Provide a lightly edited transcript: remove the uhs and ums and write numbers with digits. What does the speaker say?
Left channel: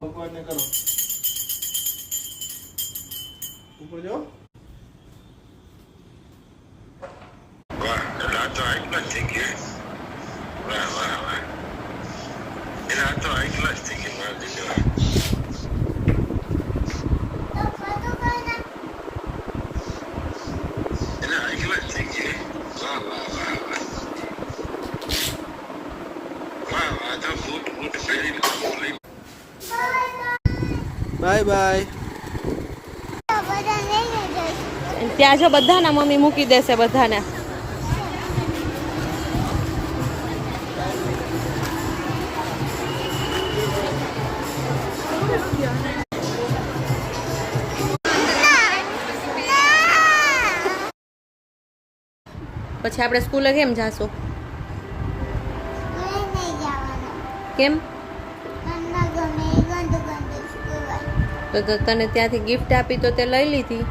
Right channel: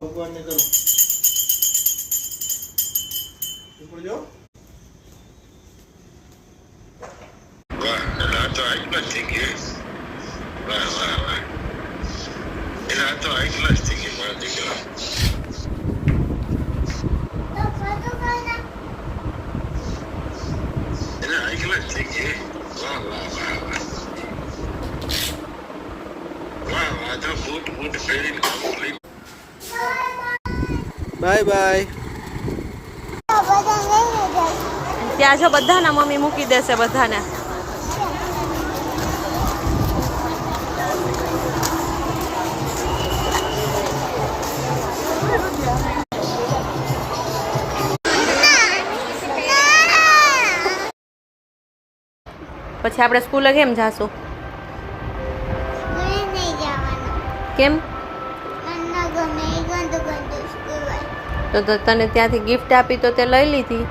ભગવાન ને કરો ઉપર જાઓ વાહ આ તો હાઈ ક્લાસ થઈ ગઈ વાહ વાહ વાહ એના તો હાઈ ક્લાસ થઈ ગઈ મારા દીકરા એના હાઈ ક્લાસ થઈ ગઈ વાહ વાહ વાહ વાહ વાહ વાહ તો બૂટ પહેરીને કામ લઈ બાય બાય ત્યાં જો બધાના મમ્મી મૂકી દેશે બધાને પછી આપણે સ્કૂલે કેમ જાશું કેમ તો તને ત્યાંથી ગિફ્ટ આપી તો તે લઈ લીધી